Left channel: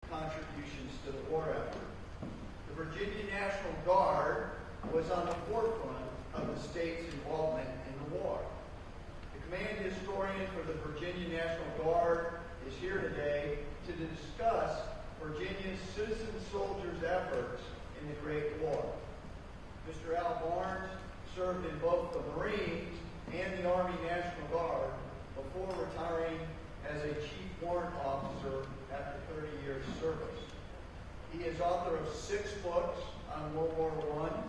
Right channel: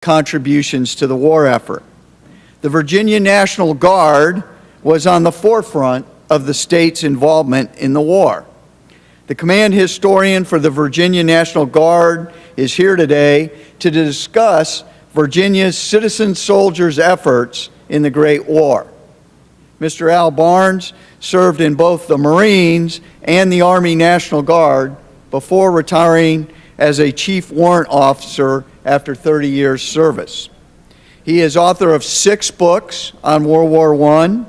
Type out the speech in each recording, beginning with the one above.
contributions to the war effort. The Virginia National Guard was on the forefront of the state's involvement in the war. The command historian for the Virginia National Guard is here today to discuss Virginia's citizen soldiers' efforts in the Great War. Mr. Al Barnes served in both the Marines and the Army National Guard before retiring as a chief warrant officer after 30 years' service. He is author of 6 books on World War I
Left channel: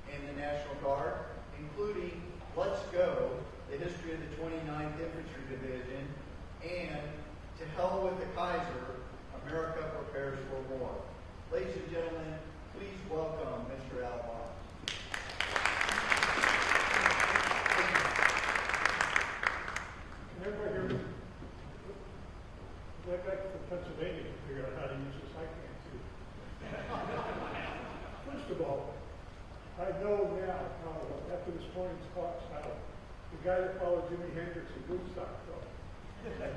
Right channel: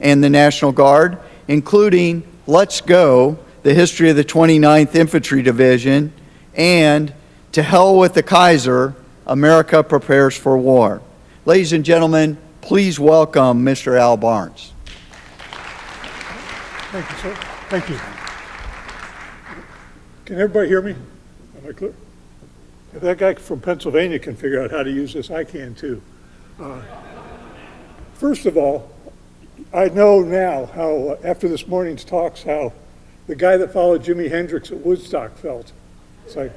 and the National Guard, including Let's Go, The History of the 29th Infantry Division, and To Hell with the Kaiser, America Prepares for War. Ladies and gentlemen, please welcome Mr. Al Barnes. Thank you, sir. Thank you. Can everybody hear me? Am I clear? If that guy from Pennsylvania can figure out how to use this, I can too. First of all, I know now how, after this morning's talks, how the guy that followed Jimi Hendrix at Woodstock felt. It's like,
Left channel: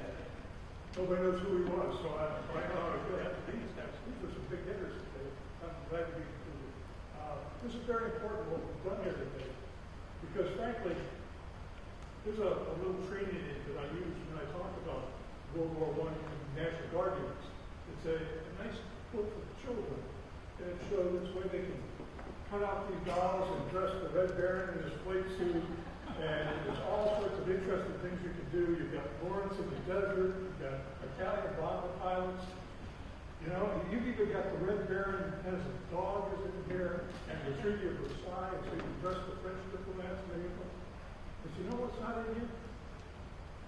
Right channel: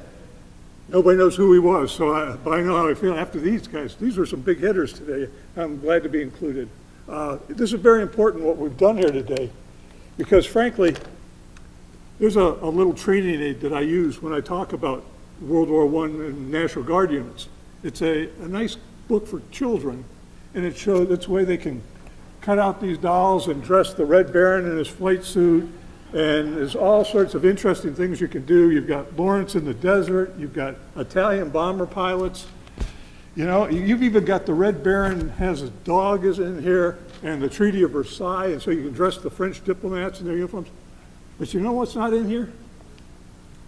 nobody knows who he was, so I know how I feel after these guys. These were some big hitters today. I'm glad to be included. This is very important what we've done here today, because frankly, there's a little training aid that I use when I talk about World War I and National Guard units. It's a nice book for children, and it shows it's the way they can cut out these dolls and dress the Red Baron in his flight suit, and there's all sorts of interesting things you can do. You've got Lawrence in the desert, you've got Italian bomber pilots, you know, you've even got the Red Baron has a dog is in here, and the Treaty of Versailles, and so you can dress the French diplomats in their uniforms. But you know what's not in here?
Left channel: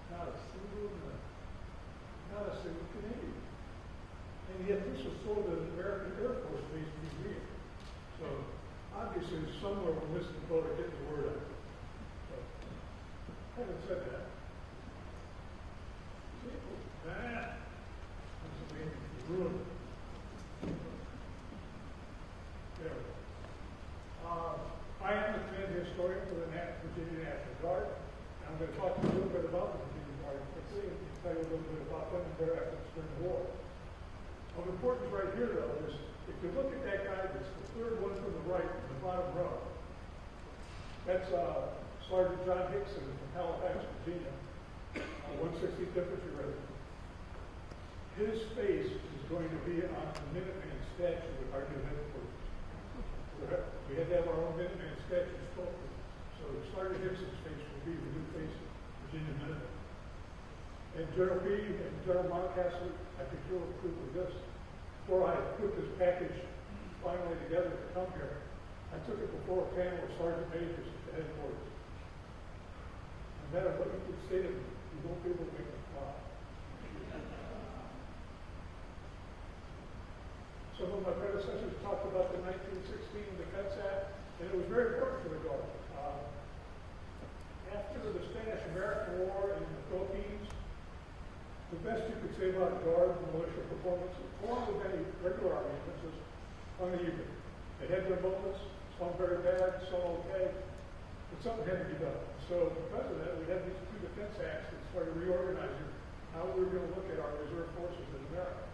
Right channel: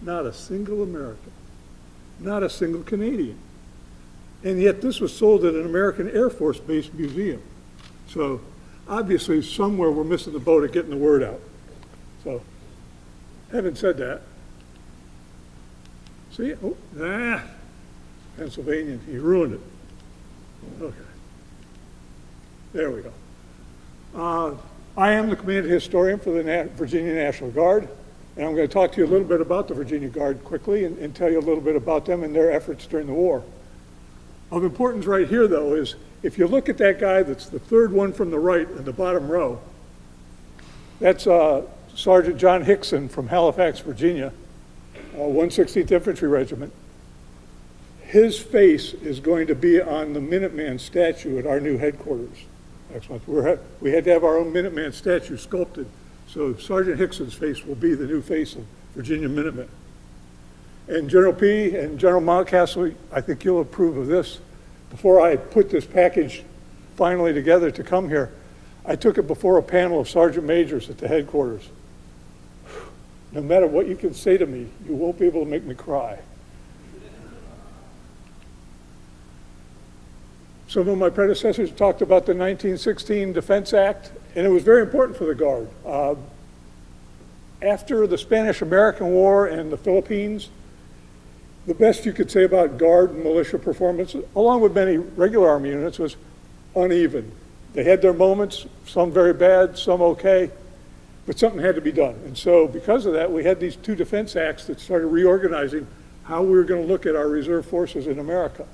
Not a single American, not a single Canadian. And yet this was sold at an American Air Force-based museum. So obviously somewhere we're missing the boat at getting the word out. So having said that, see, Pennsylvania, he ruined it. Okay, there we go. I am the command historian for the Virginia National Guard, and I'm going to talk to you a little bit about the Virginia Guard quickly and tell you a little bit about them and their efforts during the war. Of importance right here, though, is if you look at that guy that's the third one from the right in the bottom row, that's Sergeant John Hickson from Halifax, Virginia, 116th Infantry Regiment. His face is going to be on the Minuteman statue at our new headquarters next month. We had to have our own Minuteman statue sculpted, so Sergeant Hickson's face will be the new face of Virginia Minutemen. And General P. and General Mountcastle, I think you'll approve of this. Before I put this package finally together to come here, I took it before a panel of sergeant majors at the headquarters. No matter what you can say to me, you won't be able to make me cry. Some of my predecessors talked about the 1916 Defense Act, and it was very important for the Guard. After the Spanish-American War and the Philippines, the best you could say about Guard and militia performance, along with many regular Army units, was uneven. They had their moments, some very bad, some okay, but something had to be done. And so because of that, we had these 2 defense acts that started reorganizing how we were going to look at our reserve forces in America.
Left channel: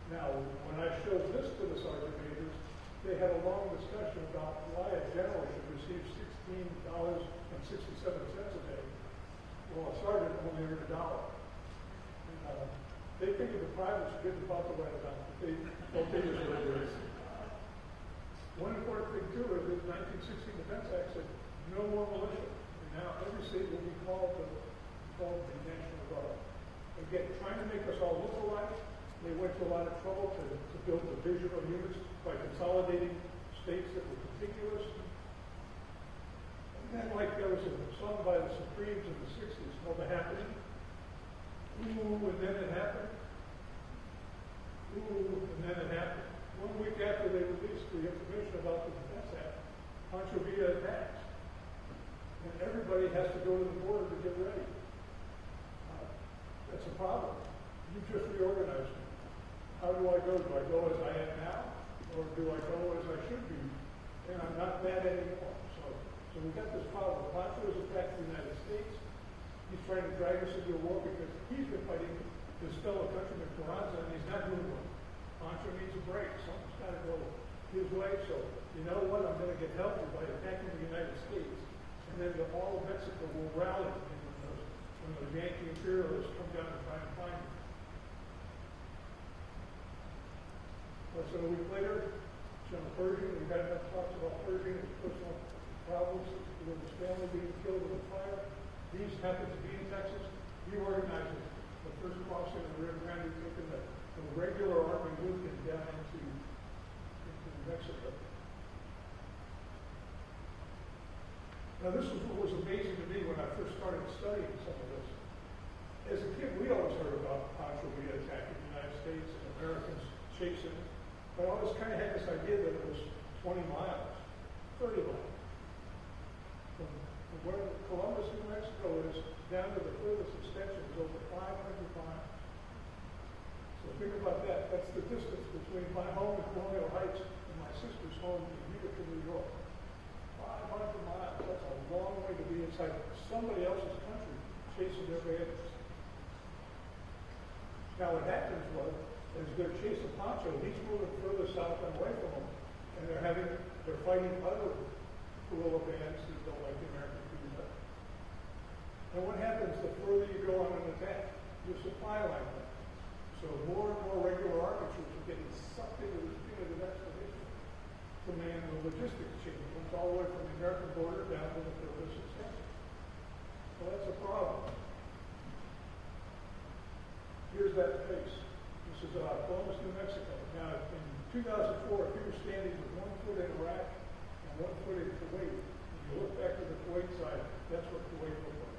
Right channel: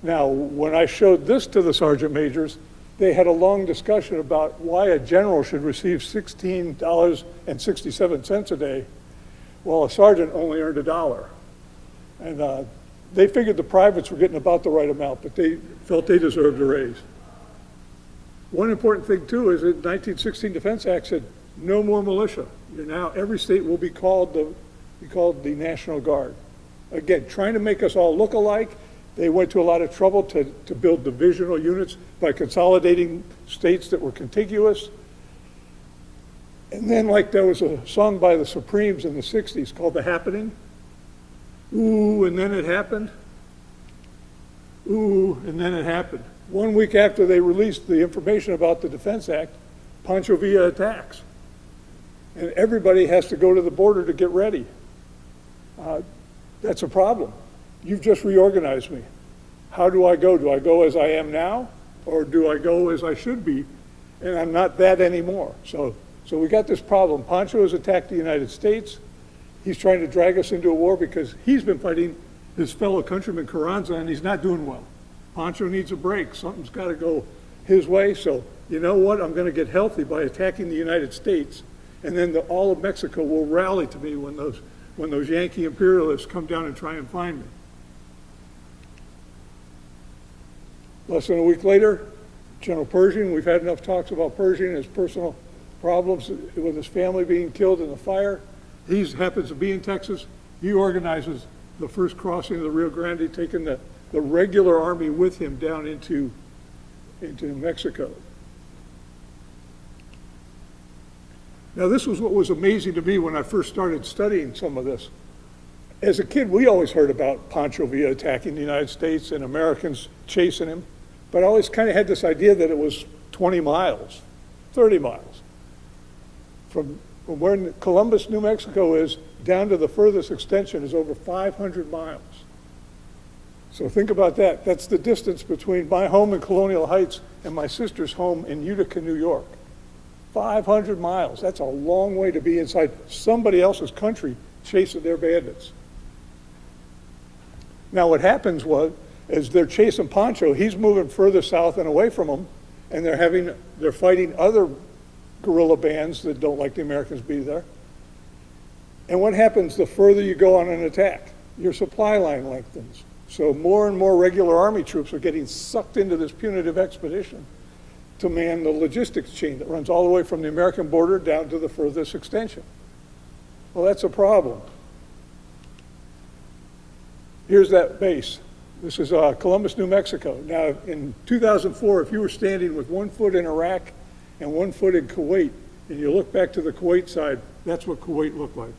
Now, when I showed this to the sergeant majors, they had a long discussion about why a general should receive $16.67 a day, while a sergeant only earned $1. And they figured the privates were getting about the right amount, but they felt they deserved a raise. One important thing, too, is that the 1916 Defense Act said no more militia. Now every state will be called the National Guard. Again, trying to make us all look alike. They went to a lot of trouble to build divisional units by consolidating states that were contiguous. And then, like, there was a song by the Supremes in the 60s called The Happening. Ooh, and then it happened. Ooh, and then it happened. 1 week after they released the information about the Defense Act, Pancho Villa attacks. And everybody has to go to the border to get ready. That's a problem. You've just reorganized me. How do I go? Do I go as I am now, or do I go as I should be? And I'm not that anymore. So we got this problem. Pancho has attacked the United States. He's trying to drag us into a war because he's been fighting his fellow countryman Carranza, and he's not doing well. Pancho needs a break. Something's got to go his way. So you know what? I'm going to get healthy by attacking the United States, and then all of Mexico will rally to me when those Yankee imperialists come down and try and find me. Less than a week later, General Pershing, we've had enough talks about Pershing and his personal problems with his family being killed in the fire. He happens to be in Texas. He organizes the first crossing of the Rio Grande, taking the regular army with him down into Mexico. Now, this was what was amazing to me when I first started studying some of this. As a kid, we always heard about Pancho Villa attacking the United States and Americans chasing him, but I always kind of had this idea that it was 20 miles, 30 miles. From where Columbus, New Mexico is, down to the furthest extension is over 500 miles. So think about that. That's the distance between my home in Colonial Heights and my sister's home in Utica, New York. 500 miles. That's a long way to be inside somebody else's country chasing their bandits. Now what happens is they're chasing Pancho. He's moving further south and away from them, and they're fighting other guerrilla bands that don't like the Americans be there. And what happens the further you go on an attack? Your supply line lengthens. So more and more regular army troops are getting sucked into this punitive expedition to man the logistics chain that runs all the way from the American border down to the furthest extension. Well, that's a problem. Here's that base. This is Columbus, New Mexico. Now, in 2004, if you were standing with 1 foot in Iraq and 1 foot in Kuwait, and you look back to the Kuwait side, that's what Kuwait looked like.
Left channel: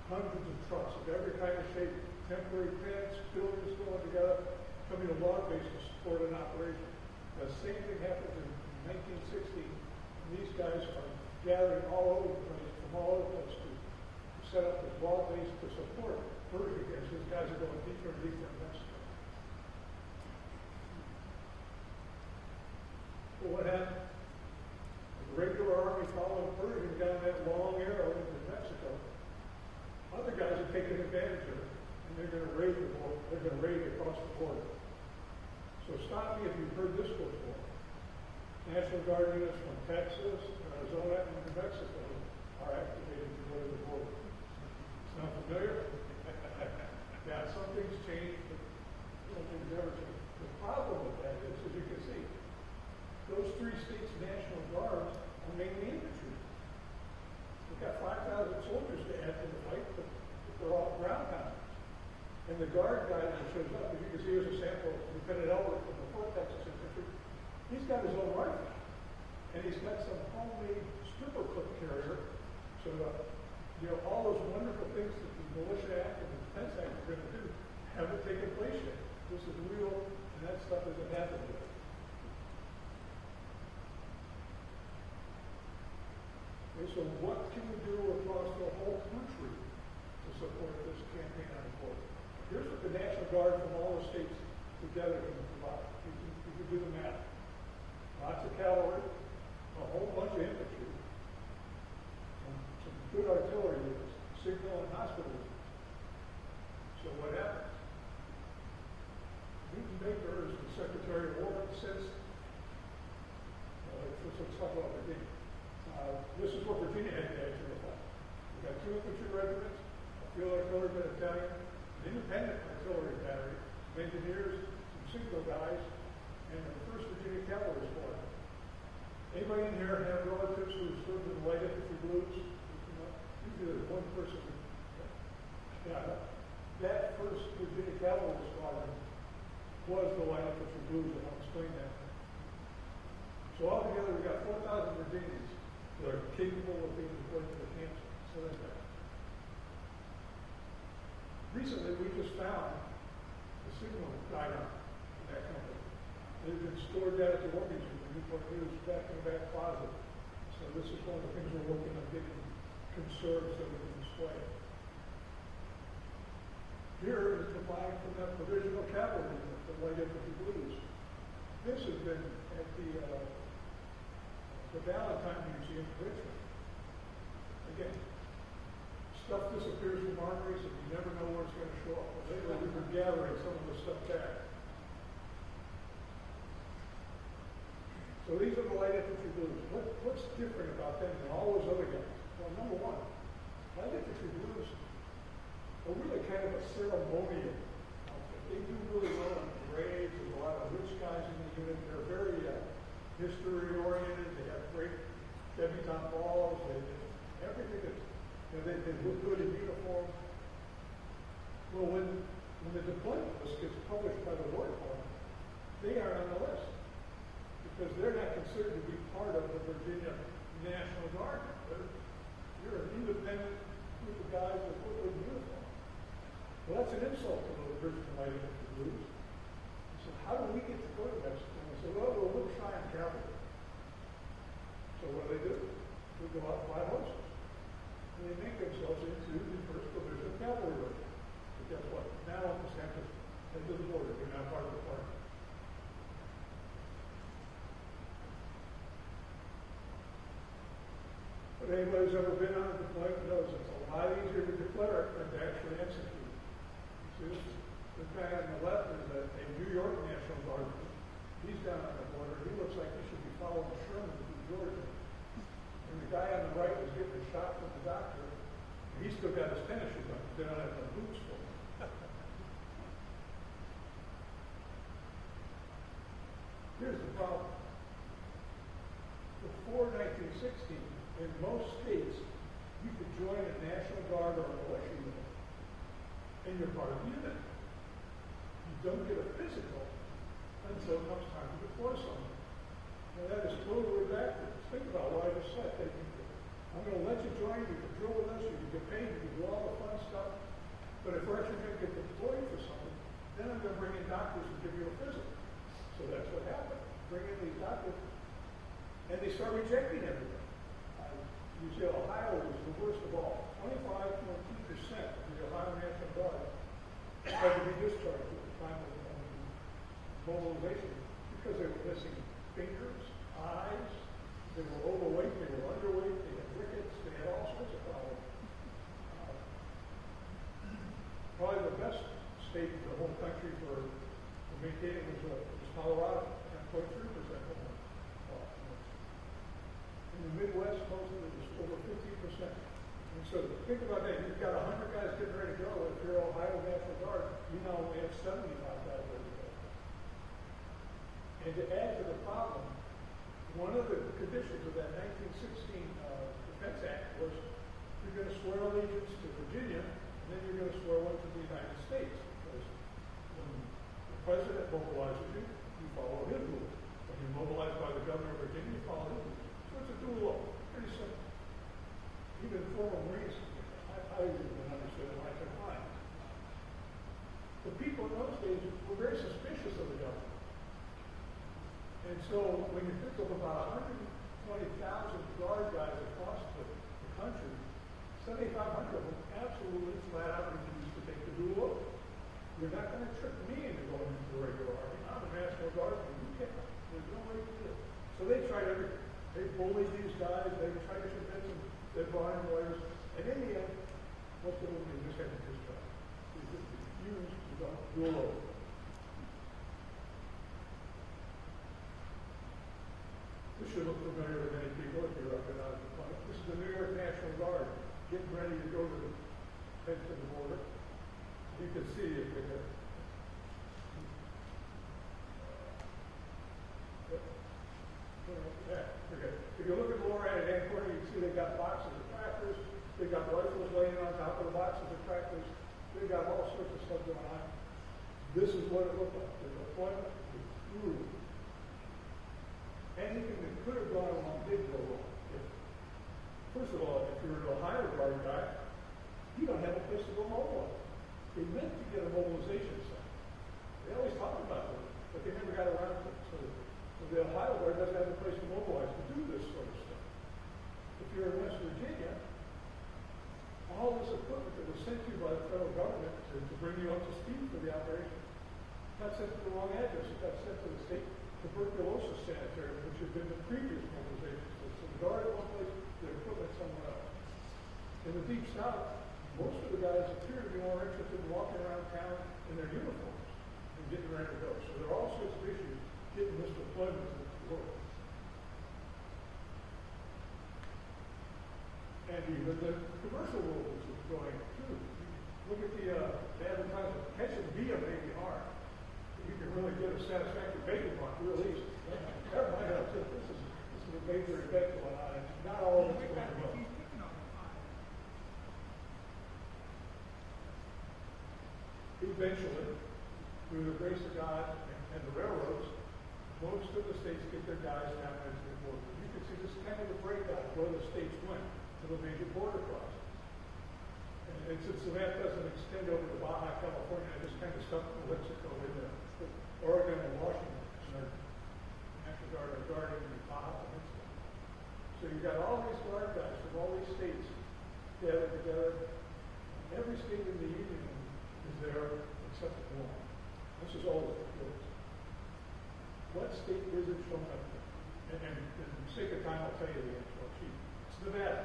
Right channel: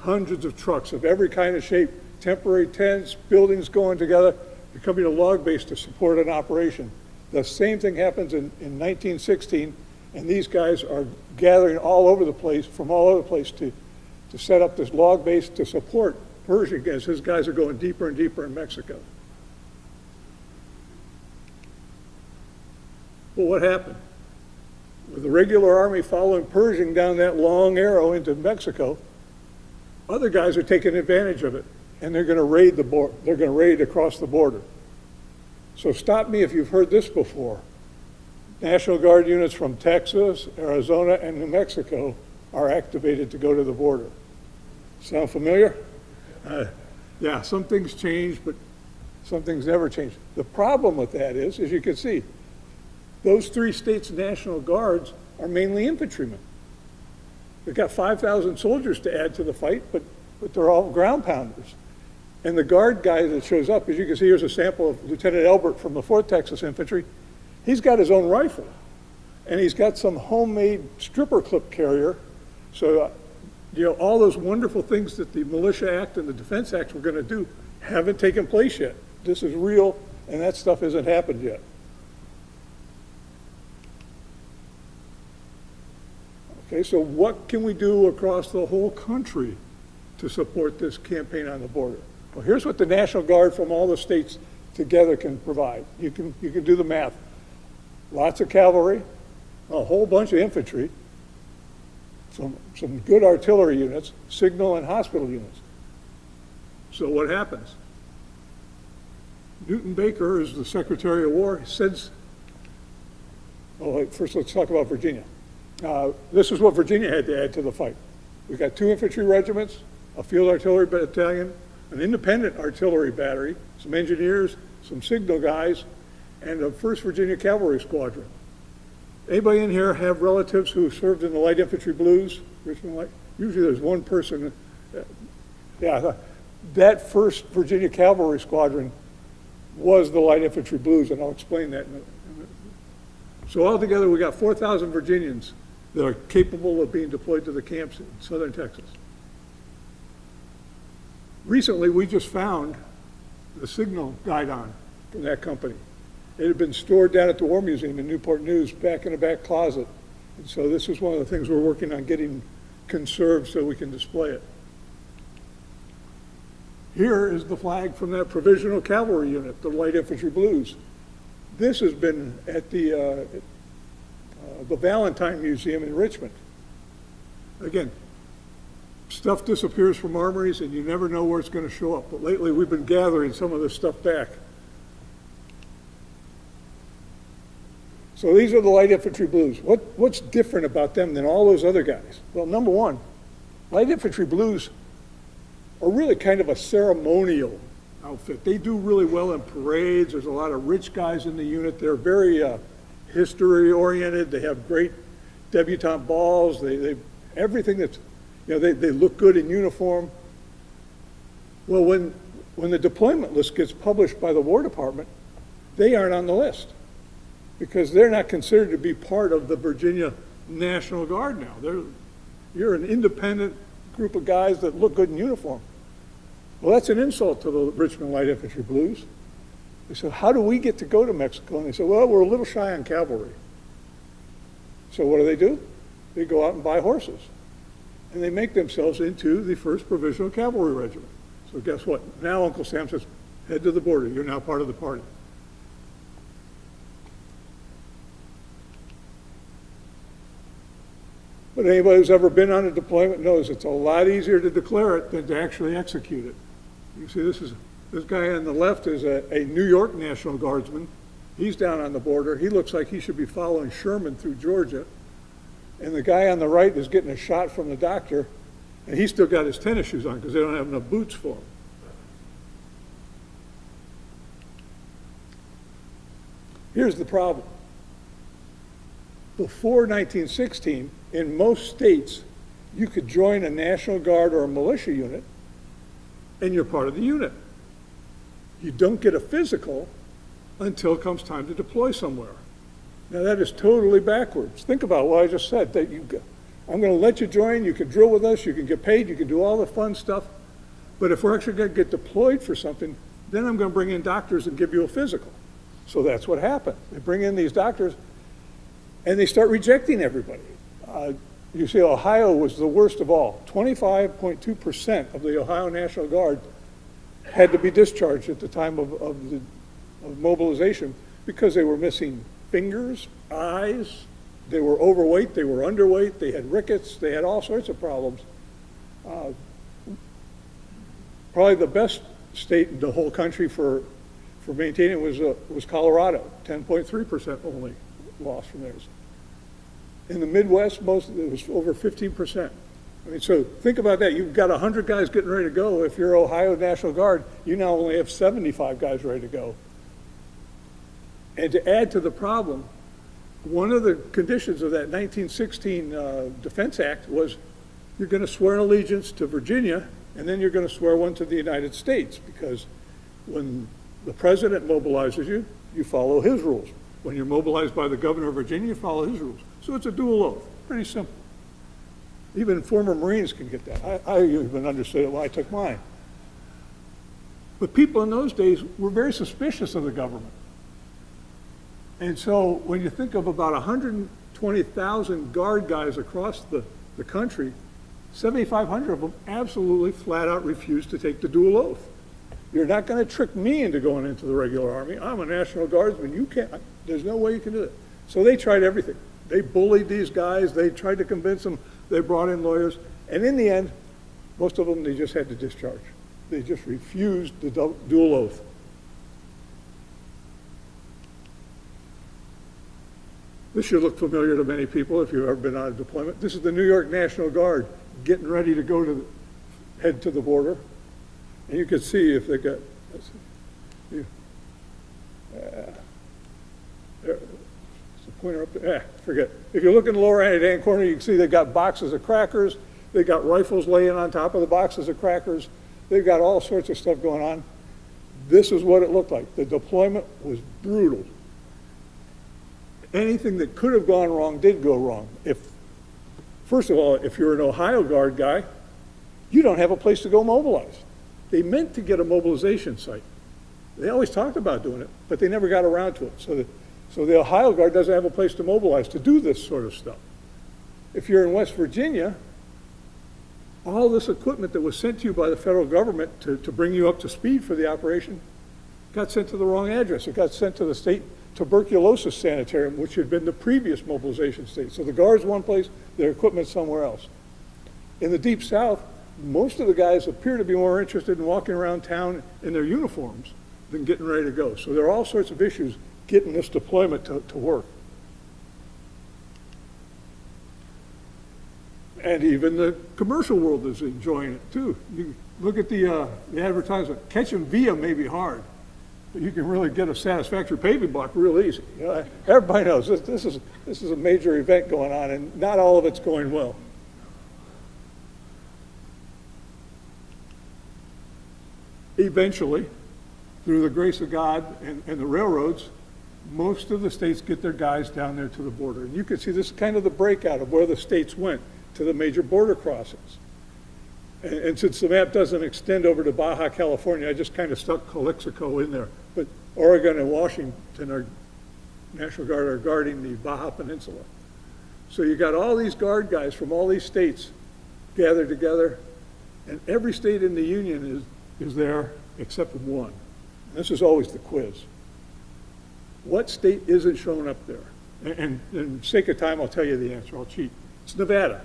Hundreds of trucks of every kind of shape, temporary tents, buildings going together, becoming a log base to support an operation. The same thing happens in 1916, and these guys are gathering all over the place, from all over the place to set up this log base to support Pershing as his guys are going deeper and deeper in Mexico. Well, what happened? With the regular army following Pershing down that long arrow into Mexico, other guys are taking advantage of it, and they're going to raid the border. They're going to raid across the border. So stop me if you've heard this before. National Guard units from Texas, Arizona, and New Mexico are activated to go to the border. Sound familiar? Yeah, some things change, but some things never change. The problem with that is, as you can see, those 3 states' National Guards are mainly infantrymen. They've got 5,000 soldiers to add to the fight, but they're all ground pounders. And the Guard guy that shows up, as you can see, here's a sample of Lieutenant Elbert from the 4th Texas Infantry. He's got his own rifle, and he's got some homemade stripper clip carrier. So, all those wonderful things that the Militia Act and the Defense Act were going to do haven't taken place yet. This is real, and that stuff hasn't happened yet. Okay, so what can we do across the whole country to support this campaign on the border? Well, here's what the National Guard from all the states together can provide. You can do the math. Lots of cavalry, a whole bunch of infantry, some good artillery units, signal and hospital units. So what happens? Newton Baker is the Secretary of War. He says, first let's talk about Virginia. This is what Virginia had to add to the fight. We've got 2 infantry regiments, a field artillery battalion, an independent artillery battery, some engineers, some signal guys, and a 1st Virginia Cavalry Squadron. Anybody in here have relatives who served in the Light Infantry Blues? Richmond Light? Usually there's one person. Yeah, that 1st Virginia Cavalry Squadron was the Light Infantry Blues, and I'll explain that in a minute. So altogether, we got 4,000 Virginians that are capable of being deployed to the camps in southern Texas. Recently, we just found the signal guidon from that company. It had been stored down at the War Museum in Newport News, back in the back closet. And so this is one of the things we're working on getting conserved so we can display it. Here is the flag from that provisional cavalry unit, the Light Infantry Blues. This has been at the Valentine Museum in Richmond. Again, stuff disappears from armories and you never know where it's going to show up. But lately we've been gathering some of this stuff back. So these are the light infantry blues. What's different about them than all those other guys? Well, number one, light infantry blues are really kind of a ceremonial outfit. They do really well in parades. There's a lot of rich guys in the unit. They're very history-oriented. They have great debutante balls. They everything that's, you know, they look good in uniform. Well, when the deployment list gets published by the War Department, they aren't on the list because they're not considered to be part of the Virginia National Guard now. You're an independent group of guys that look good in uniform. Well, that's an insult to the Richmond Light Infantry Blues. They said, how do we get to go to Mexico? And they said, well, we're a little shy on cavalry. So what do? They go out and buy horses. And they make themselves into the 1st Provisional Cavalry Regiment. So guess what? Now Uncle Sam says, head to the border. You're now part of the party. But anybody who's ever been on a deployment knows it's a lot easier to declare it than to actually execute it. You see, this guy on the left is a New York National Guardsman. He's down on the border. He looks like he should be following Sherman through Georgia. And the guy on the right is getting a shot from the doctor, and he's still got his tennis shoes on because they don't have enough boots for him. Here's the problem. Before 1916, in most states, you could join a National Guard or a militia unit, and you're part of the unit. You don't get a physical until it comes time to deploy somewhere. Now that is totally backwards. Think about what I just said, that I'm going to let you join, you can drill with us, you can get paid, you can do all the fun stuff, but if we're actually going to get deployed for something, then I'm going to bring in doctors and give you a physical. So that's what happened. They bring in these doctors, and they start rejecting everybody. You see, Ohio was the worst of all. 25.2% of the Ohio National Guard had to be discharged at the time of mobilization because they were missing fingers, eyes, they were overweight, they were underweight, they had rickets, they had all sorts of problems. Probably the best state in the whole country for maintaining it was Colorado, 10.3% only loss from theirs. In the Midwest, most of it was over 15%. I mean, so think about that. You've got 100 guys getting ready to go. If you're Ohio National Guard, you now only have 75 guys ready to go. And to add to the problem, one of the conditions of that 1916 Defense Act was you're going to swear an allegiance to Virginia, and then you're going to swear one to the United States, because when the president mobilizes you, you follow his rules. When you're mobilized by the governor of Virginia, you follow his rules. So it's a dual oath, pretty simple. Even former Marines can get that. I even understood it when I took mine. But people in those days were very suspicious of the government. And so when you think of about 120,000 Guard guys across the country, 7,500 of them absolutely flat out refused to take the dual oath. You're not going to trick me into going into the regular Army. I'm a National Guardsman. You can't, there's no way you can do it. So they tried everything. They bullied these guys. They tried to convince them. They brought in lawyers. And in the end, most of them, they just had to discharge. They just refused the dual oath. This should look familiar to many people if you've ever been on a deployment. This is the New York National Guard getting ready to go to head to the border. And you can see if they got, there's a pointer up there, forget. If you look in the lower right-hand corner, you can see they've got boxes of crackers. They've got rifles laying on top of the boxes of crackers. They've got all sorts of stuff going on. This is what it looked like. The deployment was brutal. Anything that could have gone wrong did go wrong. First of all, if you're an Ohio Guard guy, you don't have a place to go mobilize. They meant to get a mobilization site. They always talked about doing it, but they never got around to it. So the Ohio Guard doesn't have a place to mobilize to do this sort of stuff. If you're in West Virginia, all this equipment that was sent to you by the federal government to bring you up to speed for the operation got sent to the wrong address. It got sent to the state tuberculosis sanitarium, which had been the previous mobilization state. So the Guard's one place, their equipment's somewhere else. In the Deep South, most of the guys appear to be more interested in walking around town in their uniforms than getting ready to go. So there are all sorts of issues getting this deployment to work. And even the commercial world is enjoying it too. You look at the advertisement. Catching via may be hard, but you can really get a satisfactory paving block real easy. You know, everybody knows this is a major event going on, and not all of it's going well. Eventually, through the grace of God and the railroads, most of the states get their guys down there to the border. And you can see this is kind of the breakout of where the states went to the major border crossings. And since the map doesn't extend over to Baja California, I just kind of stuck Calexico in there. But Oregon and Washington, our National Guard, are guarding the Baja Peninsula. So you got all these guard guys from all these states gathered together, and every state in the Union is there except one. This is always the quiz. What state isn't showing up there? And in sake of time, I'll tell you the answer. I'll cheat. It's Nevada.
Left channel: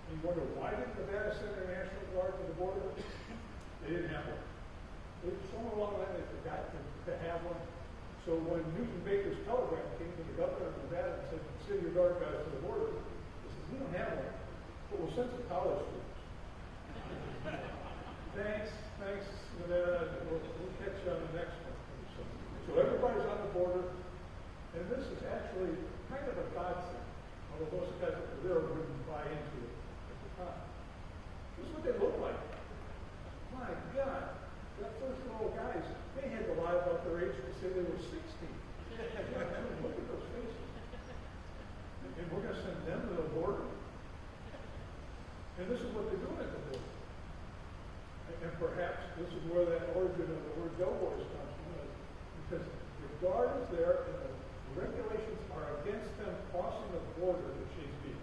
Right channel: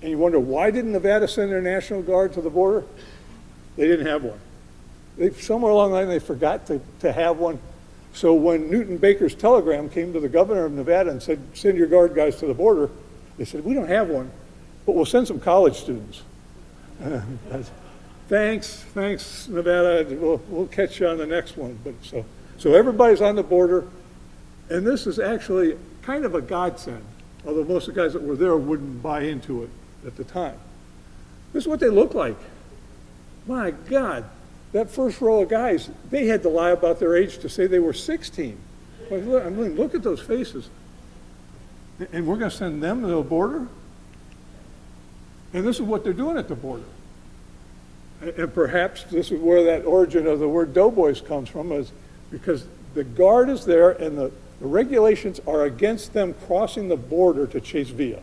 And you wonder, why didn't Nevada send their National Guard to the border? They didn't have one. Somewhere along the line, they forgot to have one. So when Newton Baker's telegram came to the governor of Nevada and said, send your guard guys to the border, they said, we don't have one, but we'll send some college students. Thanks, Nevada. We'll catch you on the next one. But so everybody's on the border, and this is actually kind of a godsend, although most of the guys that were there wouldn't buy into it at the time. This is what they look like. My God, that first row of guys, they had to lie about their age to say they were 16. I mean, look at those faces. And we're going to send them to the border? And this is what they're doing at the border. And perhaps this is where that origin of the word doughboys comes from, is because the guard is there and the regulations are against them crossing the border to chase via.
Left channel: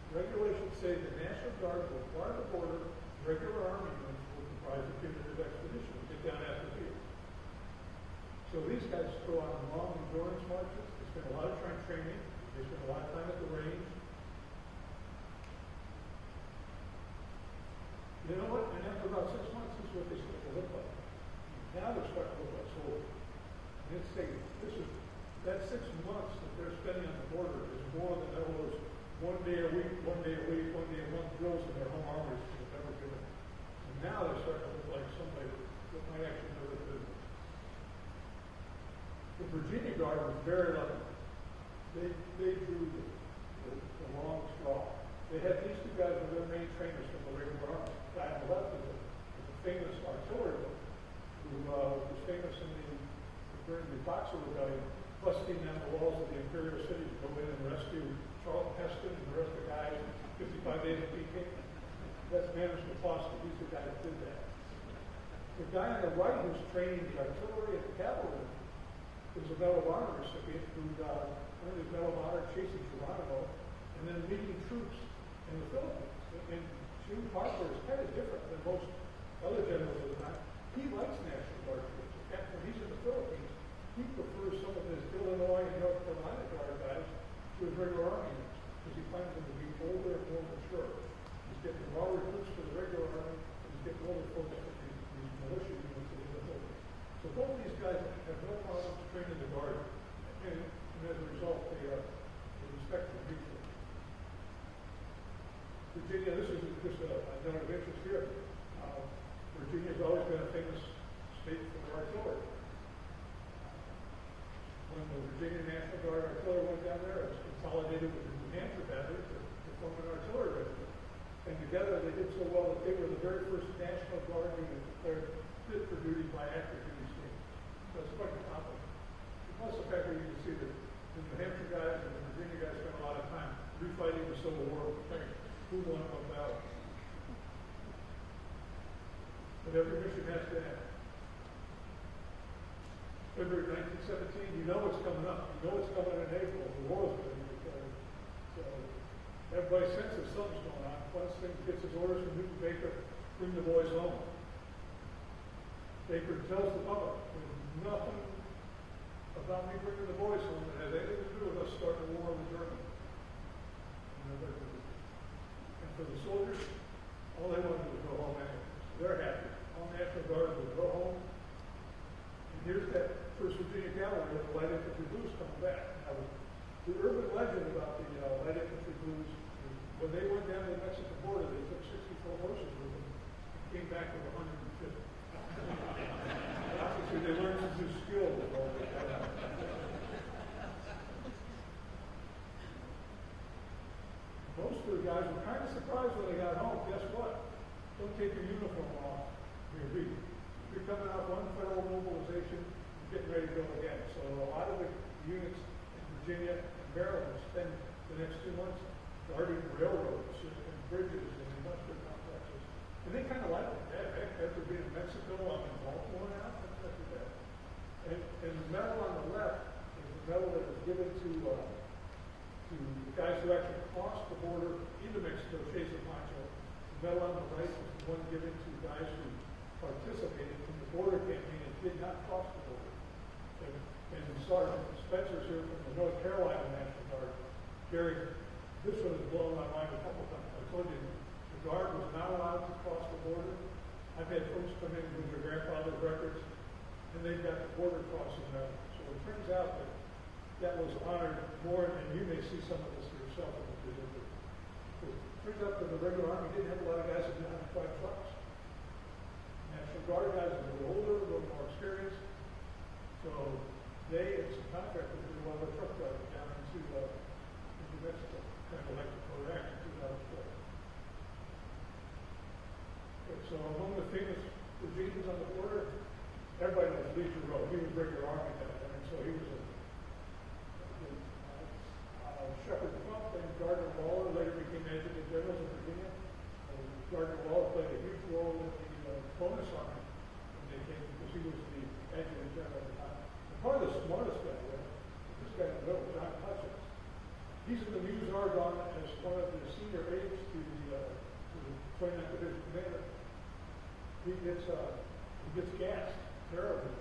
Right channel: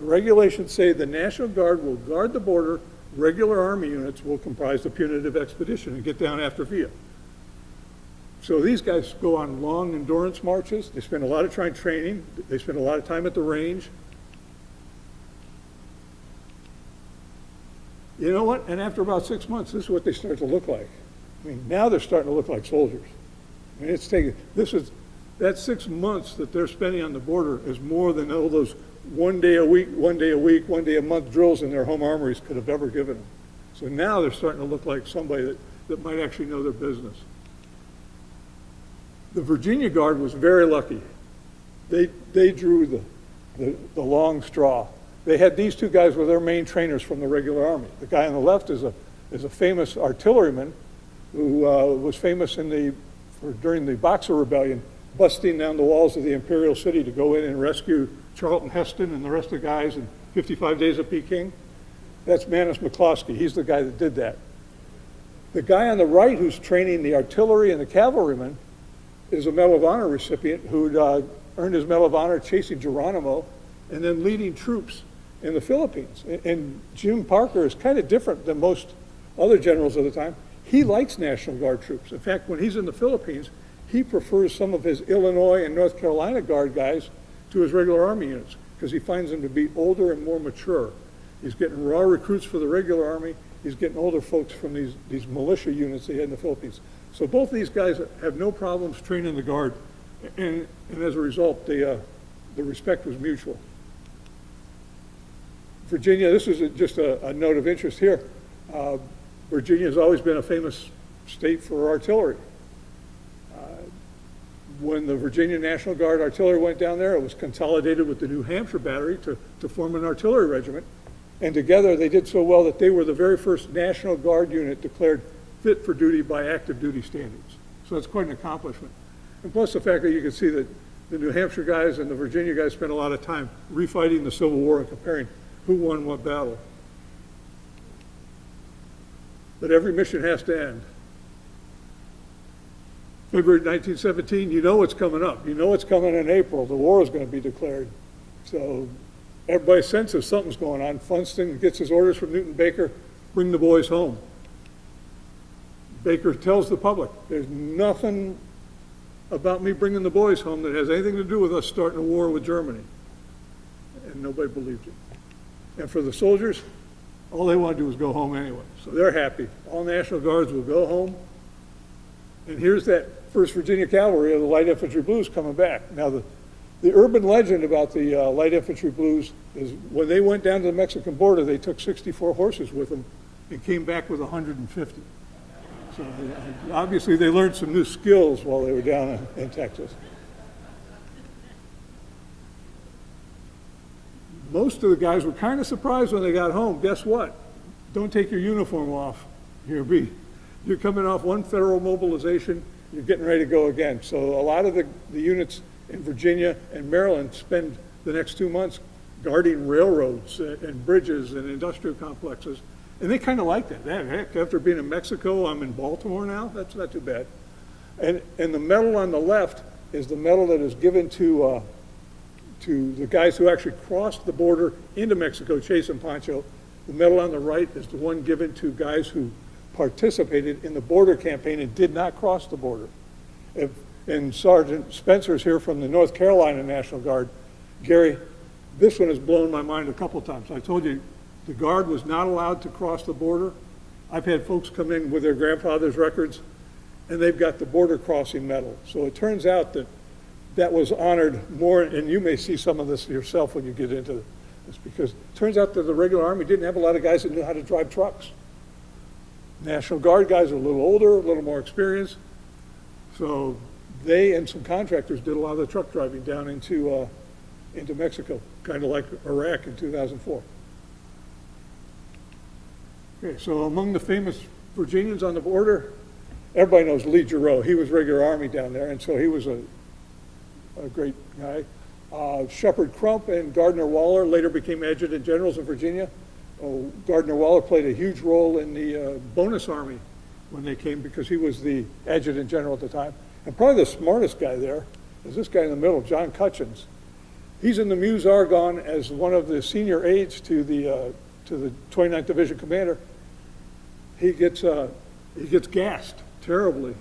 The regulations say the National Guard will guard the border, regular Army units will comprise the punitive expedition and get down after via. So these guys go on long endurance marches. They spend a lot of time training. They spend a lot of time at the range. You know what? And after about 6 months, this is what they start to look like. I mean, now they're starting to look like soldiers. I mean, it's taking, that 6 months that they're spending on the border is more than all those one day a week, one day a month drills in their home armories could have ever given them. So now they're starting to look like somebody that might actually know their business. The Virginia Guard was very lucky. They drew the long straw. They had these two guys were their main trainers from the regular Army. The guy on the left is a famous artilleryman who was famous during the Boxer Rebellion, busting down the walls of the Imperial City to go in and rescue Charlton Heston and the rest of the guys in 55 Days of Peking. That's Manus McCloskey. He's the guy that did that. The guy on the right who's training the artillery and the cavalrymen is a Medal of Honor recipient who'd earned his Medal of Honor chasing Geronimo and then leading troops in the Philippines. And Jim Parker is kind of different than most other generals of the time. He likes National Guard troops. In fact, when he's in the Philippines, he prefers some of his Illinois and North Carolina Guard guys to his regular Army units because he finds them to be older and more mature. He's getting raw recruits for the regular Army. He's getting older folks from these militia units they had in the Philippines. So both these guys have no problems training the Guard. And as a result, the respect was mutual. Virginia, this is just a note of interest here. Virginia has always been a famous state for artillery. When the Virginia National Guard artillery went down there, it was consolidated with the New Hampshire battery to form an artillery regiment. And together they did so well that they were the very first National Guard unit declared fit for duty by active duty standards. So that's quite an accomplishment. And plus the fact that you can see that the New Hampshire guys and the Virginia guys spent a lot of time refighting the Civil War and comparing who won what battle. But every mission has to end. February 1917, you know what's coming up. You know what's coming in April. The war is going to be declared. So everybody senses something's going on. Funston gets his orders from Newton Baker, bring the boys home. Baker tells the public, there's nothing about me bringing the boys home that has anything to do with us starting a war with Germany. And nobody believed it. And for the soldiers, All they want to do is go home anyway. So they're happy. All National Guards will go home. And here's that 1st Virginia Cavalry of the Light Infantry Blues coming back. Now, the urban legend about the Light Infantry Blues is when they went down to the Mexican border, they took 64 horses with them and came back with 150. So obviously they learned some new skills while they were down in Texas. Most of the guys were kind of surprised when they got home. Guess what? Don't take your uniform off. You're coming off one federal mobilization, you're getting ready to go again. So a lot of the units in Virginia and Maryland spend the next 2 months guarding railroads and bridges and industrial complexes. And they kind of like that. Heck, after being in Mexico, I'm in Baltimore now. That's not too bad. And the medal on the left is the medal that is given to the guys who actually crossed the border into Mexico, Chase and Pancho. The medal on the right is the one given to guys who participated in the border campaign and did not cross the border. And Sergeant Spencer's here from the North Carolina National Guard. Gary, this one has blown my mind a couple times. I told you, the Guard was not allowed to cross the border. I've had folks come in with their grandfather's records, and they've got the border crossing medal. So it turns out that was honored more, and you may see some of this yourself when you get into this, because it turns out that the regular Army didn't have a lot of guys that knew how to drive trucks. National Guard guys are a little older, a little more experienced, so they and some contractors did a lot of the truck driving down into Mexico, kind of like Iraq in 2004. Okay, so among the famous Virginians on the border, everybody knows Lee Giroux. He was regular Army down there, and so he was a great guy. Shepard Crump and Gardner Waller later became adjutant generals in Virginia. Gardner Waller played a huge role in the bonus army when they came because he was the adjutant general at the time. And probably the smartest guy there is this guy in the middle, John Cutchins. He's in the Meuse Argonne as one of the senior aides to the 29th Division commander. He gets gassed terribly.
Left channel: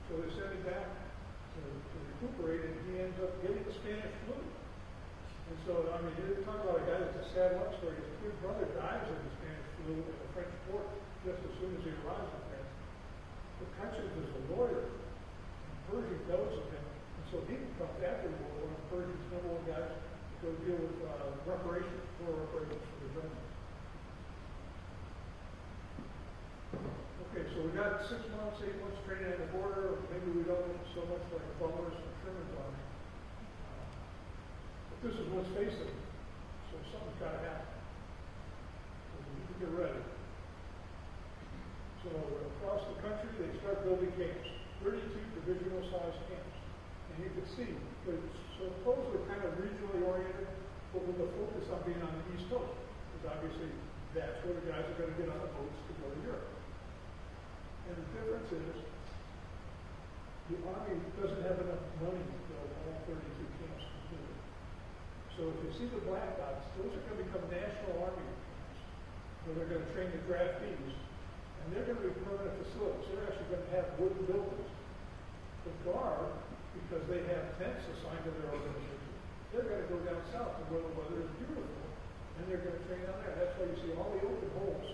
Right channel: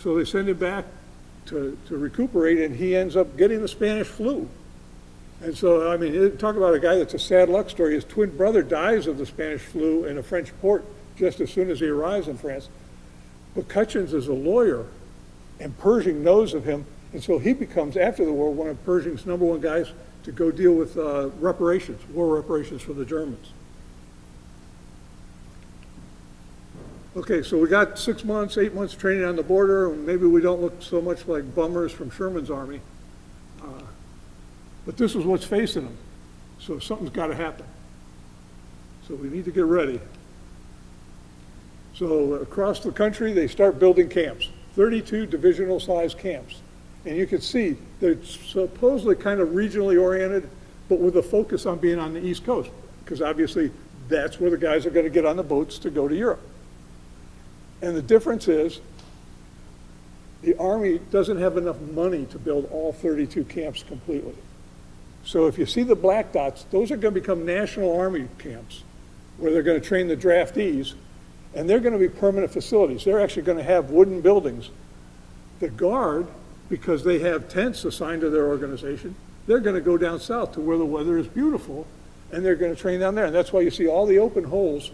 So they send him back to recuperate, and he ends up getting the Spanish flu. And so, I mean, talk about a guy that's a sad luck story. His twin brother dies of the Spanish flu in a French port just as soon as he arrives in France. But Cutchins is a lawyer, and Pershing knows of him, and so he becomes, after the war, one of Pershing's #1 guys to go deal with reparations, war reparations for the Germans. Okay, so we got 6 months, 8 months training on the border, and maybe we don't look so much like bummers from Sherman's army. But this is what's facing them. So something's got to happen. So we need to get ready. So across the country, they start building camps, 32 divisional sized camps. And you can see they're supposedly kind of regionally oriented, but with a focus on being on the East Coast, because obviously that's where the guys are going to get on the boats to go to Europe. And the difference is the Army doesn't have enough money to build all 32 camps completely. So if you see the black dots, those are going to become National Army camps where they're going to train the draftees, and they're going to be permanent facilities. They're actually going to have wooden buildings. The Guard, because they have tents assigned to their organization, they're going to go down south to where the weather is beautiful, and they're going to train down there. And that's why you see all the open holes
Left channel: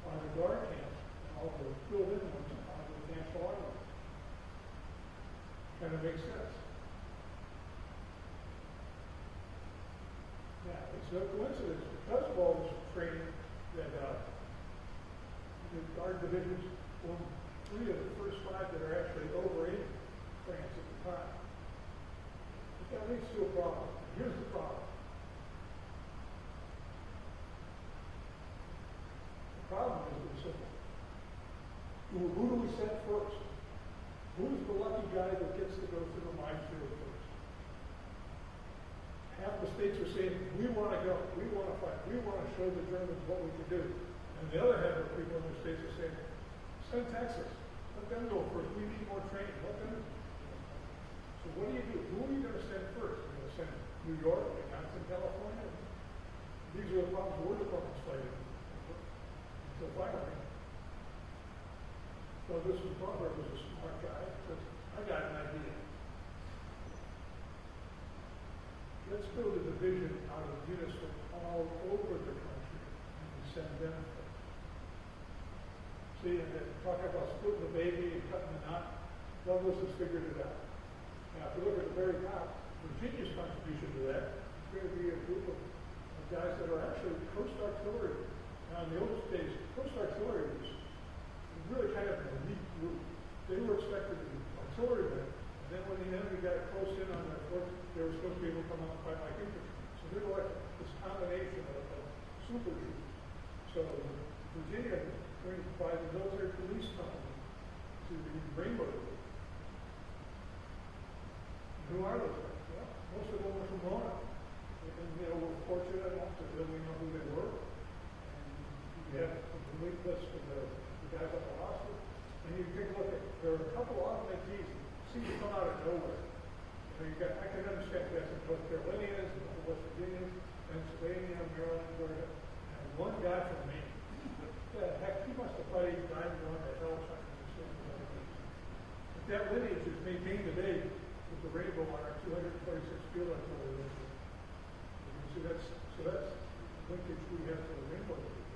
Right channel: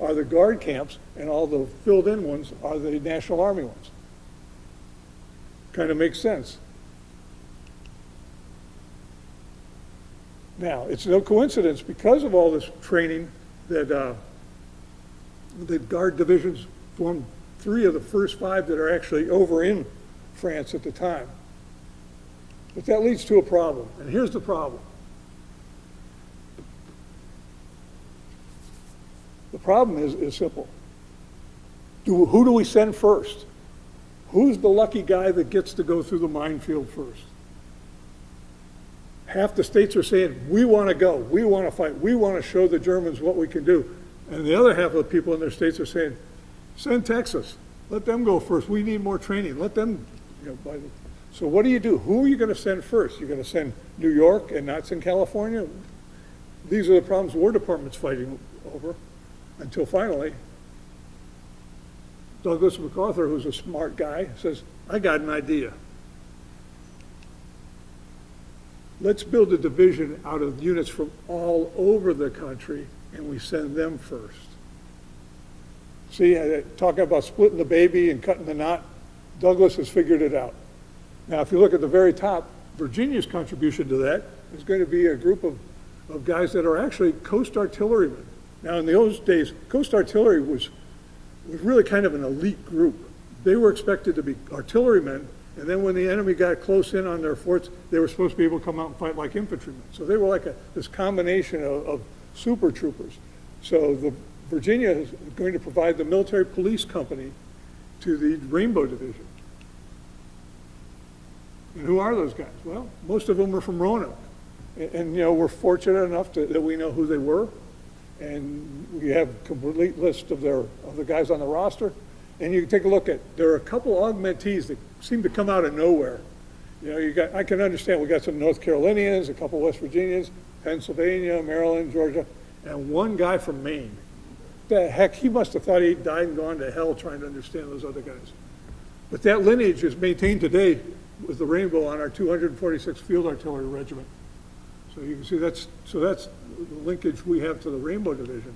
are the Guard camps, and all the filled-in ones are the National Army ones. Kind of makes sense. Now, it's no coincidence, because of all this training, that the Guard divisions formed 3 of the first 5 that are actually over in France at the time. But that leads to a problem, and here's the problem. The problem is simple. Who do we send first? Who's the lucky guy that gets to go through the minefield first? Half the states are saying, we want to go, we want to fight, we want to show the Germans what we can do. And the other half of the people in their states are saying, send Texas, let them go first, we need more training, let them, So what do? Who are you going to send first? You're going to send New York and not send California? These are the problems the War Department's fighting over, until finally, Douglas MacArthur, who's a smart guy, says, I got an idea. Let's build a division out of units from all over the country and we send them first. See, talking about splitting the baby and cutting the knot, Douglas has figured it out. Now, if you look at the very top, Virginia's contribution to that is going to be a group of guys that are actually coast artillerymen. Now, in those days, coast artillery was really kind of an elite group. They were expected to be artillerymen, and then when the enemy got close in on their forts, they were supposed to be able to come out and fight like infantrymen. So they were like this combination of super troopers. So Virginia is going to provide the military police company to the Rainbow Division. And who are those guys? Well, most of them are from Roanoke. And you know, we're fortunate enough that we know who they were. And we have a complete list of the guys on the roster. And you can take a look at, there are a couple augmentees that seem to come out of nowhere. You know, I can understand, we got some North Carolinians, a couple West Virginians, Pennsylvania, Maryland, Georgia, and one guy from Maine. The heck, he must have thought he'd died and gone to hell trying to understand those other guys. But that lineage is maintained today with the Rainbow on our 246th Field Artillery Regiment. So you can see that's the linkage we have to the Rainbow Division.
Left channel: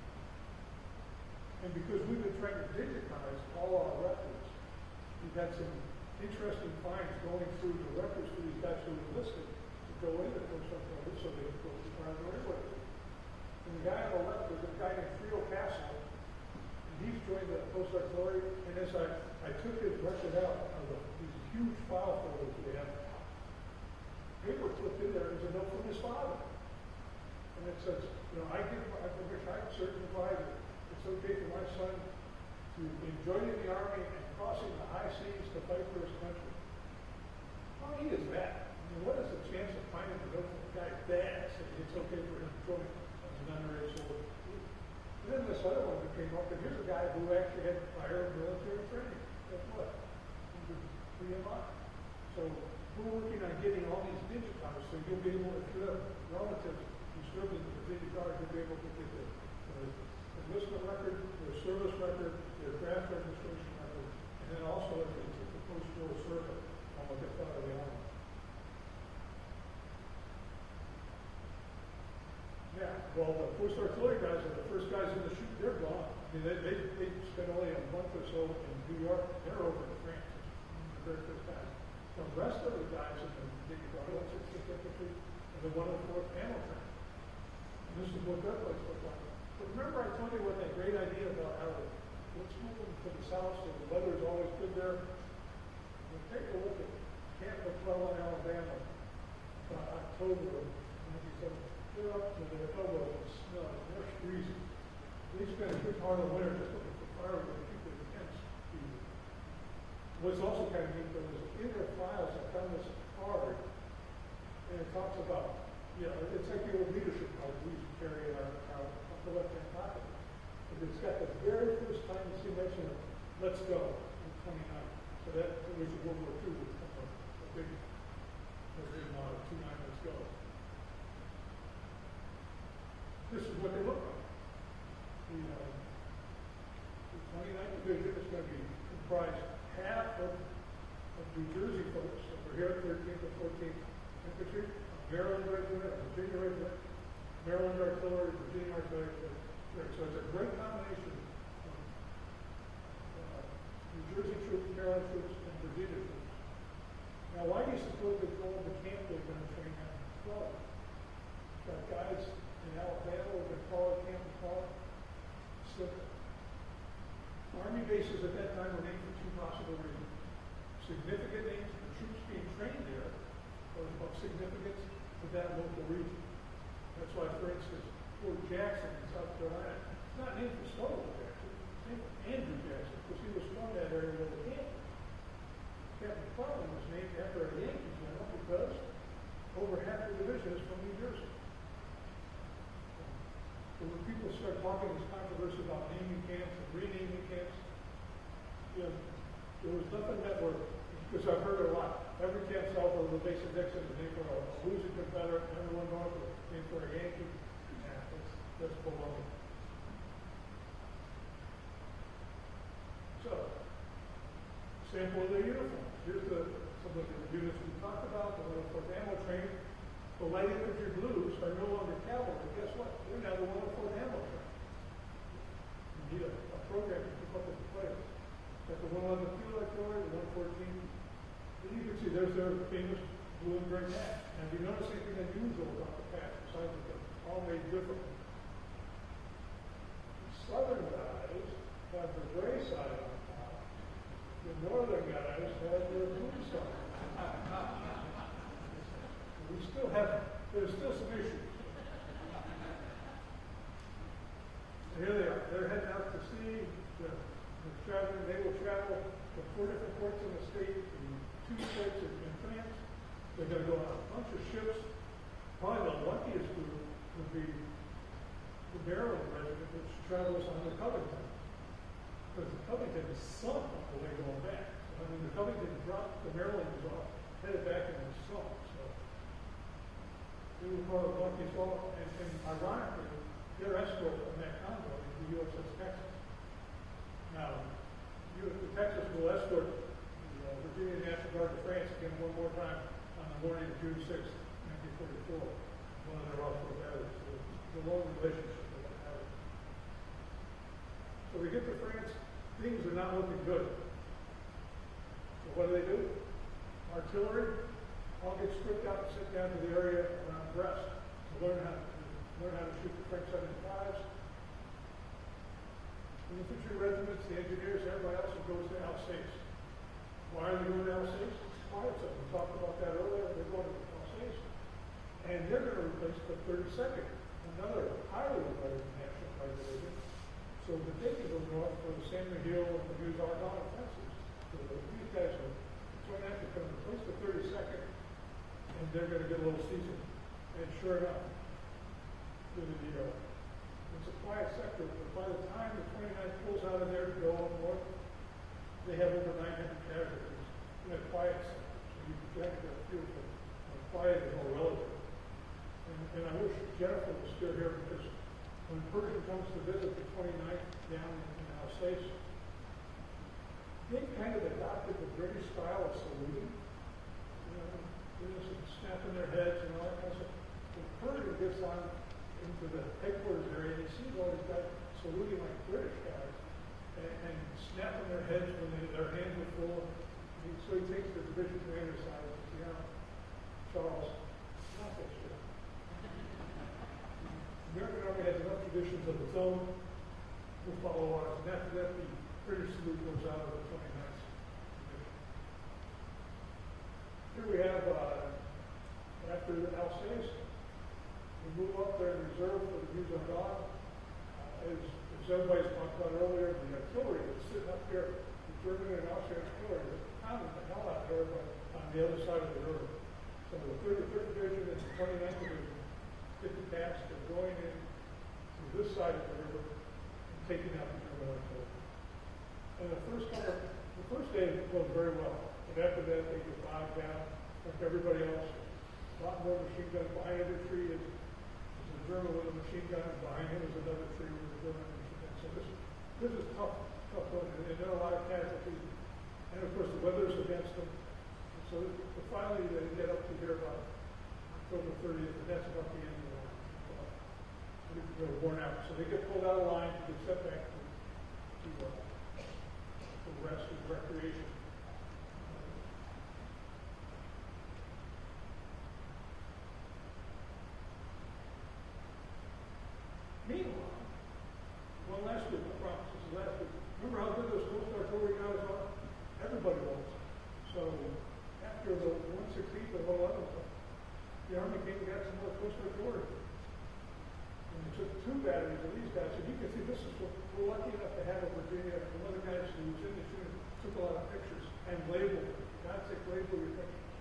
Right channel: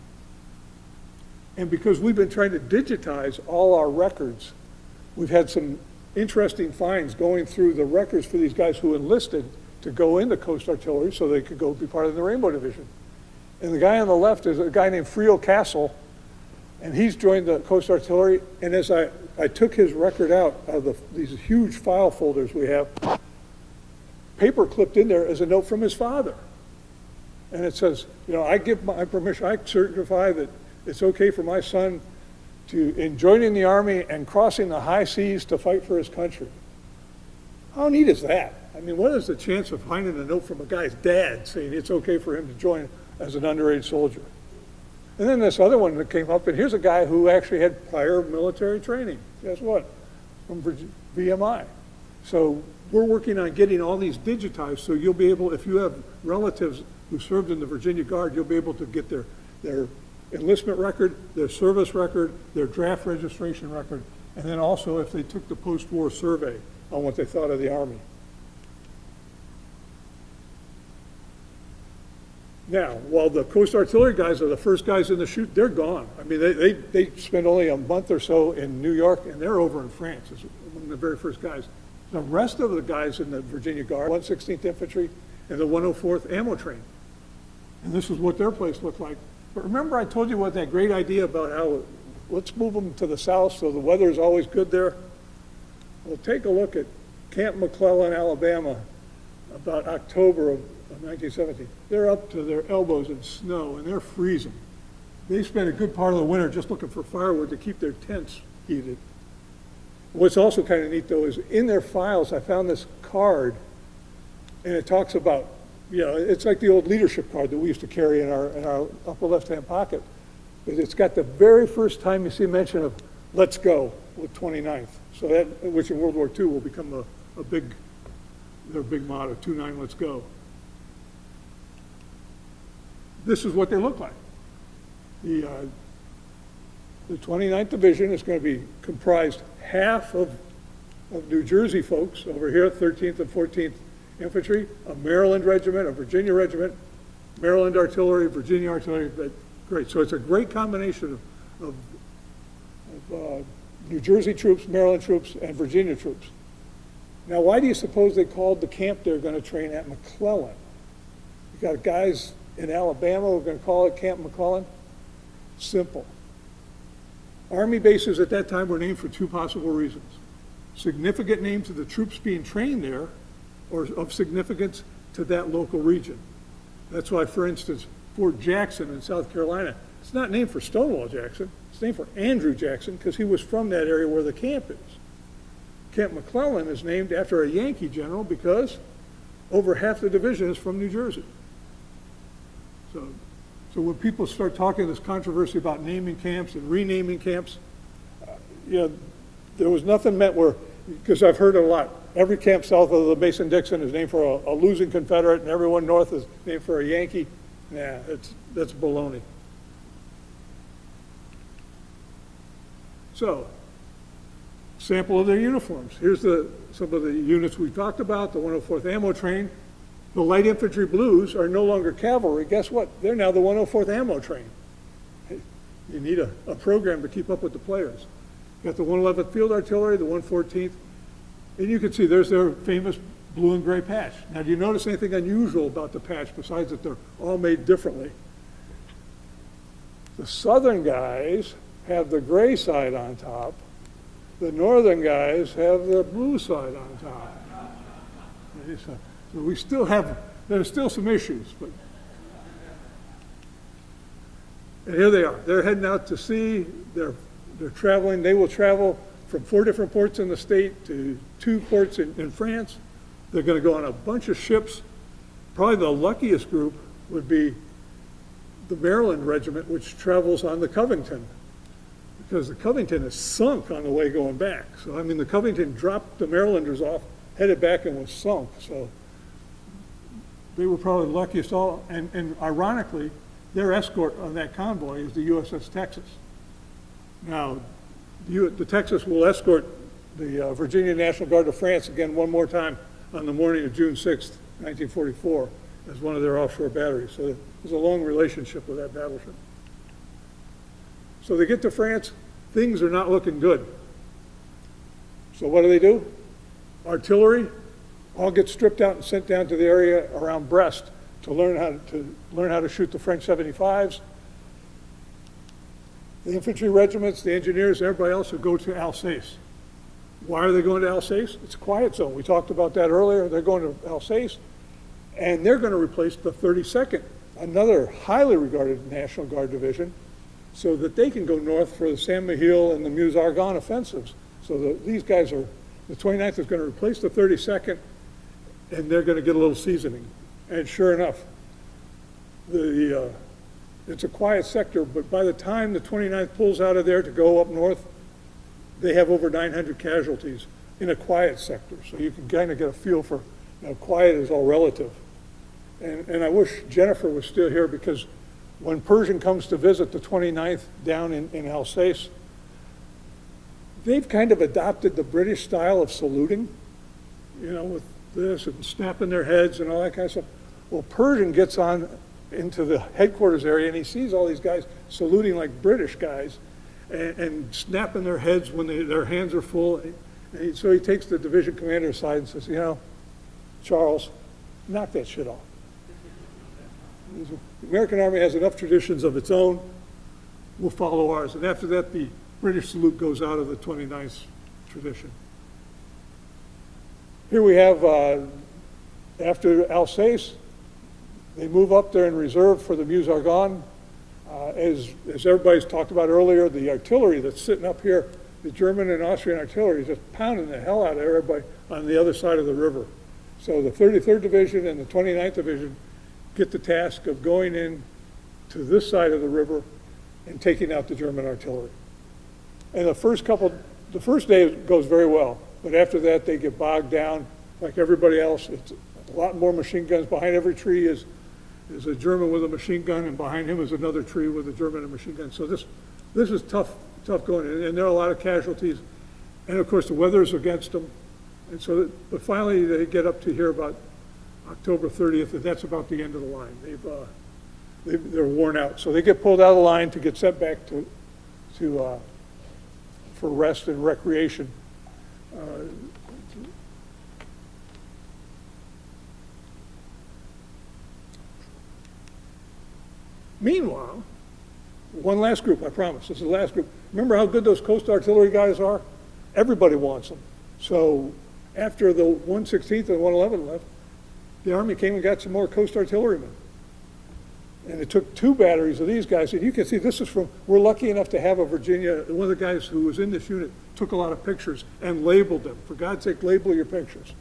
And because we've been trying to digitize all our records, we've had some interesting finds going through the records for these guys who enlisted to go into Coast Artillery so they could go be part of the Rainbow Division. And the guy on the left is a guy named Frio Castle, and he's joined the Coast Artillery. And as I took his record out of these huge file folders we have, paper clipped in there is a note from his father. And it says, you know, I give my permission, I certify that it's okay for my son in joining the Army and crossing the high seas to fight for his country. How neat is that? I mean, what is the chance of finding a note from a guy's dad saying it's okay for him to join as an underage soldier? And then this other one that came up, and here's a guy who actually had prior military training. Guess what? From VMI. So we're working on getting all these digitized so you'll be able, if you have relatives who served in the Virginia Guard, you'll be able to get their enlistment record, their service record, their draft registration record, and then also if they took the post-war survey on what they thought of the Army. Now, while the Coast Artillery guys are the first guys in the chute, they're gone. I mean, they spent only a month or so in New York, and they're over in France as among the very first guys. The rest of the guys in the Virginia Guard, 116th Infantry and the 104th Ammo Train. And this is what their place looked like. But remember I told you what that great idea about how let's move them to the south so the weather is always good there? Well, take a look at Camp McClellan, Alabama, about October of 1917. They're up to their elbows in snow and they're freezing. They spent a good part of the winter just looking for firewood to keep their tents heated. What's also kind of neat though is in their files I found this card, and it talks about, you know, it's like the old leadership card that we used to carry in our upper left-hand pocket. But it's got the very first time you see mention of "Let's go" with 29th. So that, which in World War II will become their big motto, 29, let's go. This is what they look like. The 29th Division is going to be comprised half of New Jersey folks over here, 13th and 14th Infantry, a Maryland regiment, a Virginia regiment, Maryland Artillery, Virginia Artillery. Great. So it's a great combination of New Jersey troops, Maryland troops, and Virginia troops. Now, why do you suppose they called the camp they're going to train at McClellan? You got guys in Alabama who are going to call it Camp McClellan? Simple. Army bases at that time were named for two possible reasons. Significant names of the troops being trained there, or of significance to that local region. That's why, for instance, Fort Jackson in South Carolina, it's not named for Stonewall Jackson, it's named for Andrew Jackson because he was from that area where the camp is. Camp McClellan is named after a Yankee general because over half the division is from New Jersey. So when people start talking this controversy about naming camps and renaming camps, you know, there was nothing meant where, because I've heard it a lot, every camp south of the Mason-Dixon is named for a losing Confederate and everyone north is named for a Yankee. Nah, that's baloney. So, sample of their uniforms. Here's some of the units we talked about, the 104th Ammo Train. The light infantry blues are no longer cavalry. Guess what? They're now the 104th Ammo Train. You need a program to keep up with the players. You got the 111th Field Artillery, the 114th, and you can see there's their famous blue and gray patch. Now, do you notice anything unusual about the patch besides that they're all made differently? The southern guys have the gray side on top. The northern guys have the blue side on top. So we still have, there's still some issues, but. And here they are. They're heading out to sea. They're traveling. They will travel from 4 different ports in the state to 2 ports in France. They're going to go on a bunch of ships. Probably the luckiest group would be the Maryland Regiment, which travels on the Covington, because the Covington is sunk on the way going back. So, I mean, the Covington dropped the Marylanders off, headed back, and was sunk. So they were probably the luckiest all. And ironically, their escort on that convoy is the USS Texas. Now, the Texas will escort the Virginia National Guard of France again one more time on the morning of June 6th, 1944, as one of their offshore batteries. So there's a long relationship with that battleship. So they get to France, things are not looking good. So what do? Artillery all gets stripped out and sent down to the area around Brest to learn how to shoot the French 75s. The infantry regiments, the engineers, everybody else will go to Alsace. Why are they going to Alsace? It's a quiet zone. We talked about that earlier. They're going to Alsace, and they're going to replace the 32nd, another highly regarded National Guard division, so that they can go north for the Saint-Mihiel and the Meuse-Argonne offensives. So these guys are, the 29th is going to replace the 32nd, and they're going to get a little seasoning. And sure enough, it's a quiet sector, but by the time the 29th pulls out of there to go up north, they have over 900 casualties in a quiet sector. So you can kind of get a feel for, quiet is all relative. And I wish Jennifer was still here, because when Pershing comes to visit the 29th down in Alsace, they've kind of adopted the British style of saluting, with this and snapping their heads and all that kind of stuff. Well, Pershing gets on into the headquarters area, and he sees all these guys saluting like British guys and snapping their heads when their hands are full. So he takes the division commander aside and says, Charles, knock that shit off. The American Army has enough traditions of its own. We'll follow ours. And after that, the British salute goes out of the 29th tradition. Here we have, after Alsace, they move up there in reserve for the Meuse-Argonne. As everybody's talked about earlier, the artillery that's sitting up here, the German and Austrian artillery is just pounding the hell out of everybody on the other side of the river. So the 33rd Division and the 29th Division get the task of going in to this side of the river and taking out the German artillery. And the first day goes very well, but after that they get bogged down like everybody else. It's a lot more machine guns. Behind every tree is a German with a machine gun, and behind him is another tree with a German and a machine gun. So this is tough going, and there are a lot of casualties. And of course the weather's against them. And so, but finally they get up to here about October 30th, and that's about the end of the line. They're worn out. So they get pulled out of the line to get sent back for rest and recreation. Meanwhile, one last group, I promise, this is the last group. Remember how good those coast artillery guys are? Everybody wants them. So after the 116th and 111th left, the Army came and got some more coast artillerymen. And it took 2 batteries of these guys. And you can see this is from, we're lucky enough to have a Virginia, one of the guys who was in this unit took a lot of pictures and labeled them. For God's sake, label your pictures.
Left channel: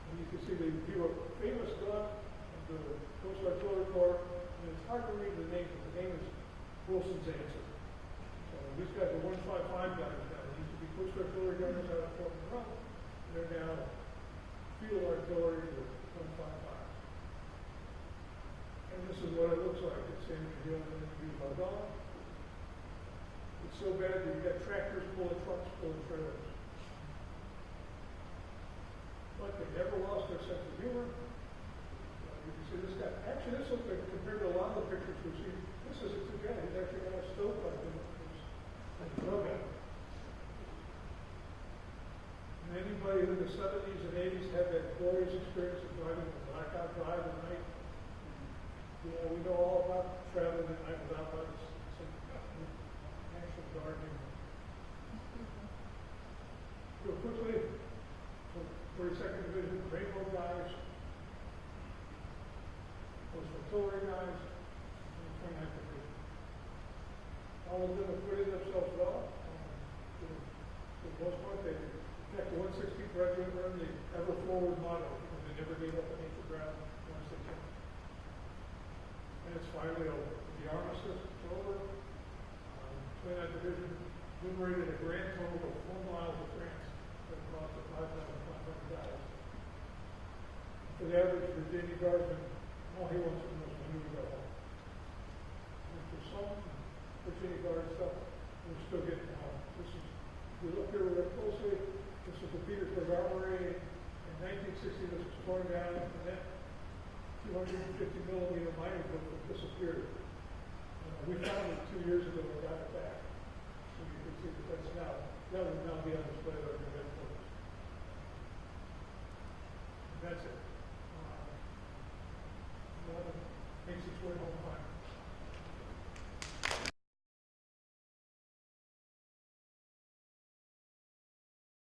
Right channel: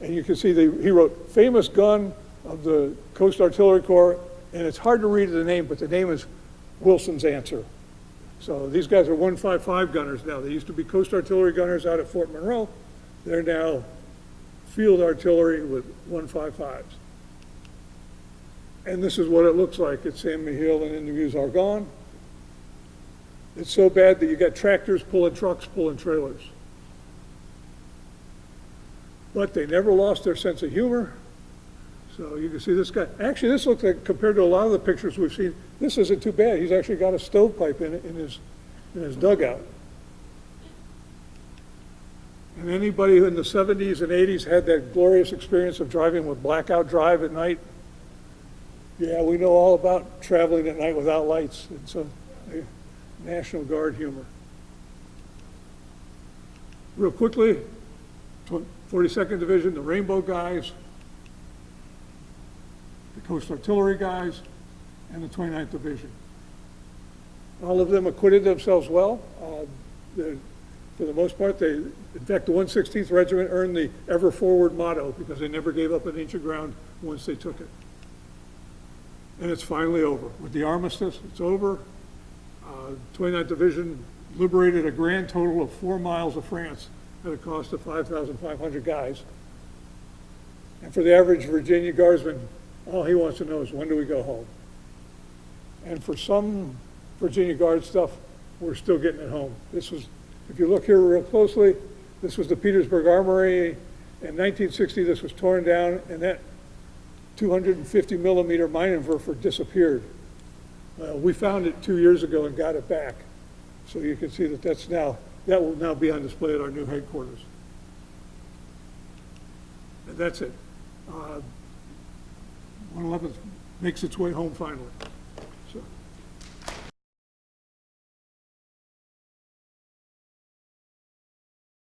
And you can see he wrote, famous gun of the Coast Artillery Corps, and it's hard to read the name, but the name is Wilson's Answer. So these guys are 155 gunners now. They used to be Coast Artillery gunners out at Fort Monroe. They're now field artillery with 155s. And this is what it looks like at Saint-Mihiel and in the Meuse-Argonne. It's so bad that you got tractors pulling trucks, pulling trailers. But they never lost their sense of humor. So you can see this guy. Actually, this looks like, compared to a lot of the pictures we've seen, this isn't too bad. He's actually got a stovepipe in his dugout. And anybody who in the 70s and 80s had that glorious experience of driving with blackout drive at night, yeah, we know all about traveling at night without lights. It's a National Guard humor. Real quickly, 42nd Division, the Rainbow guys, the Coast Artillery guys, and the 29th Division. All of them acquitted themselves well. For the most part, in fact, the 116th Regiment earned the Ever Forward motto because they never gave up an inch of ground once they took it. And it's finally over. With the armistice, it's over. 29th Division liberated a grand total of 4 miles of France at a cost of 5,500 guys. And for the average Virginia Guardsman, all he wants to know is, when do we go home? And for some Virginia Guard stuff, we're still getting it home. This was, if you look here real closely, this was the Petersburg Armory. In 1960, this was torn down, and that 250 millimeter Minenwerfer disappeared. We found it 2 years ago and got it back. So you can see that that will now be on display at our new headquarters. And that's it. 111th makes its way home finally.